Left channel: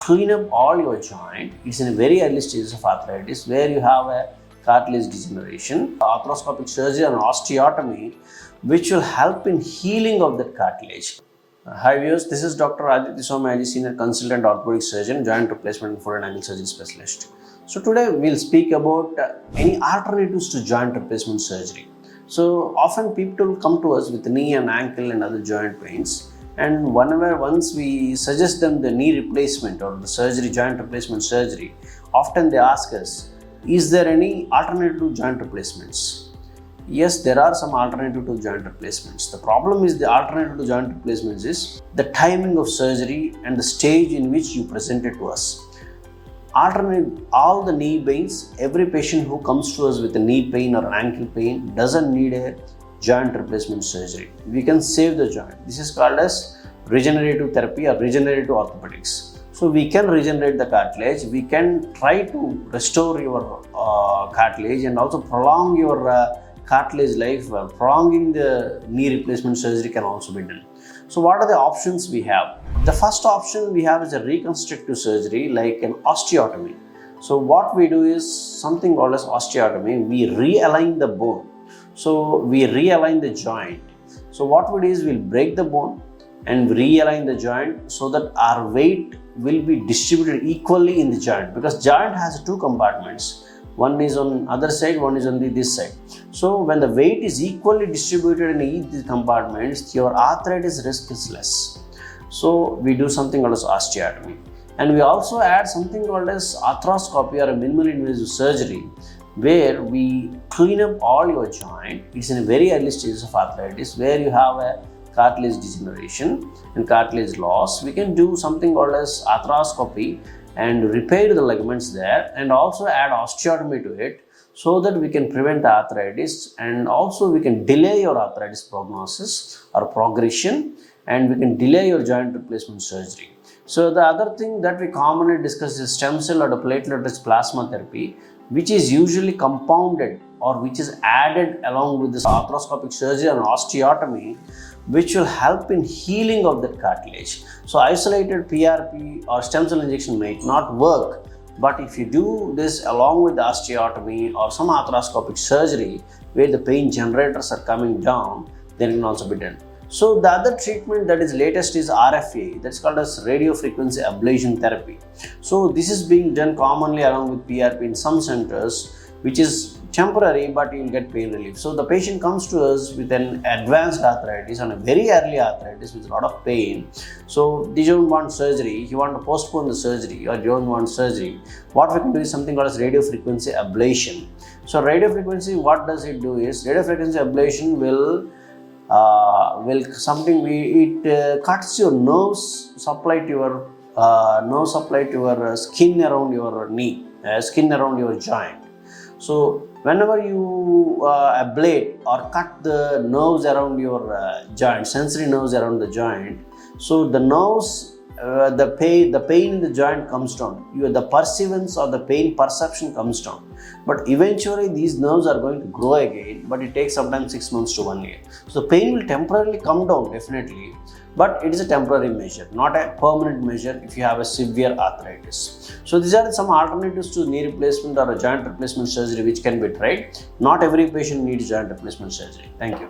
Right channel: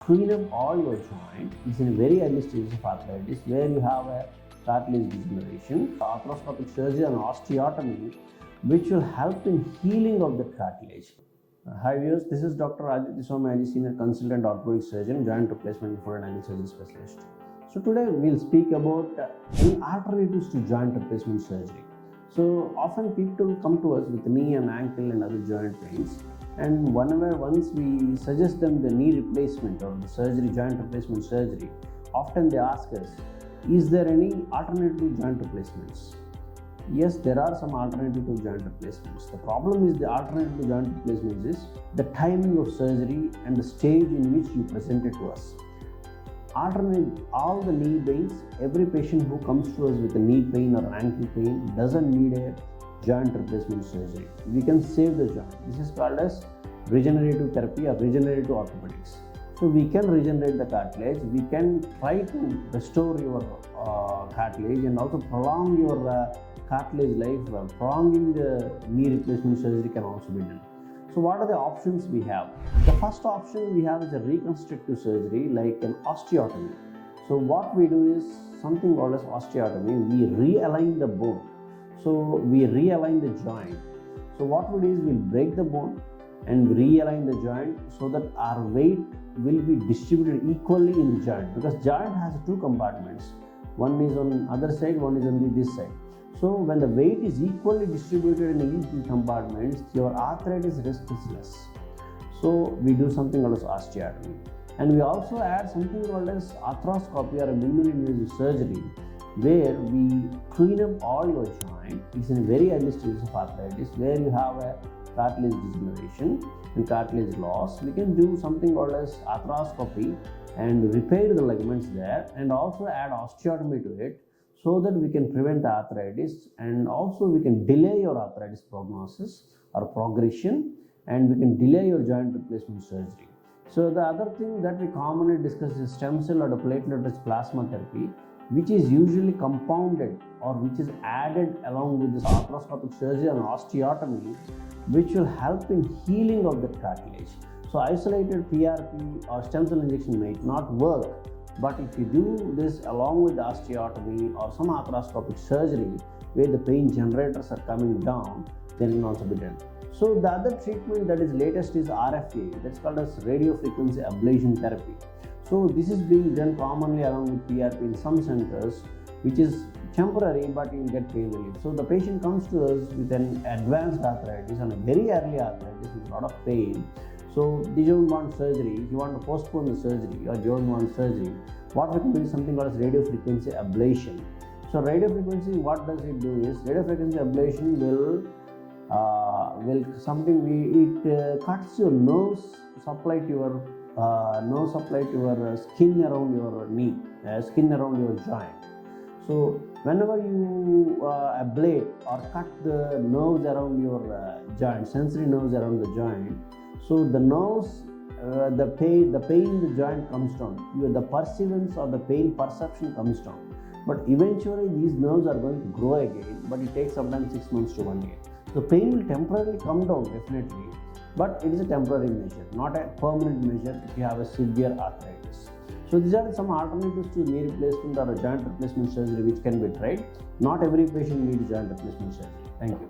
clean up all your joint. It's in a very early stages of arthritis where you have a cartilage degeneration, arthroscopic surgery and osteotomy, which will help in healing of that cartilage. Hi viewers, this is Dr. Aditya Somayaji, Senior Consultant Orthopedic Surgeon, Joint Replacement and Foot and Ankle Surgery Specialist. So today we'll speak about any alternatives to joint replacement surgery. So often people come to us with knee and ankle and other joint pains, and once we suggest them the knee replacement or the surgery, joint replacement surgery, often they ask us, is there any alternative to joint replacements? Yes, there are some alternative to joint replacements. The problem is the alternative to joint replacements is the timing of surgery and the stage in which you present it to us. Alternate all the knee pains, every patient who comes to us with a knee pain or an ankle pain doesn't need a joint replacement surgery. We can save the joint. This is called as regenerative therapy or regenerative orthopedics. So we can regenerate the cartilage, we can try to restore your cartilage and also prolong your cartilage life. Prolonging the knee replacement surgery can also be done. So what are the options we have? The first option we have is a reconstructive surgery like an osteotomy. So what we do is something called as osteotomy. We realign the bone. So we realign the joint. So what we do is we'll break the bone and realign the joint so that our weight will be distributed equally in the joint, because joint has two compartments. One is on other side, one is on this side. So when the weight is equally distributed in each compartments, your arthritis risk is less. So we do something called as osteotomy. And we also add something called as arthroscopy or a minimally invasive surgery, where we clean up all your joint. It's in a very early stages of arthritis where you have a cartilage degeneration and cartilage loss. We can do something called as arthroscopy and repair the ligaments there, and also add osteotomy to it so that we can prevent the arthritis, and also we can delay your arthritis prognosis or progression, and we can delay your joint replacement surgery. So the other thing that we commonly discuss is stem cell or the platelet-rich plasma therapy, which is usually compounded or which is added along with this arthroscopic surgery and osteotomy, which will help in healing of that cartilage. So isolated PRP or stem cell injection might not work, but if you do this along with the osteotomy or some arthroscopic surgery where the pain generators are coming down, then it can also be done. So the other treatment that is latest is RFA, that's called as radio frequency ablation therapy. So this is being done commonly along with PRP in some centers, which is temporary, but you will get pain relief. So the patient comes to us with an advanced arthritis and a very early arthritis with a lot of pain. So they don't want surgery, you want to postpone the surgery or you don't want surgery. What we can do is something called as radio frequency ablation. So radio frequency, what does it do is, radio frequency ablation will cuts your nerves supply to your skin around your knee, skin around your joint. So whenever you ablate or cut the nerves around your joint, sensory nerves around the joint, so the nerves, the pain in the joint comes down. The perceivance or the pain perception comes down. But eventually these nerves are going to grow again, but it takes sometimes 6 months to 1 year. So the pain will temporarily come down definitely, but it is a temporary measure, not a permanent measure if you have a severe arthritis. So these are some alternatives to knee replacement or a joint replacement surgery which can be tried. Not every patient needs joint replacement surgery. Thank you.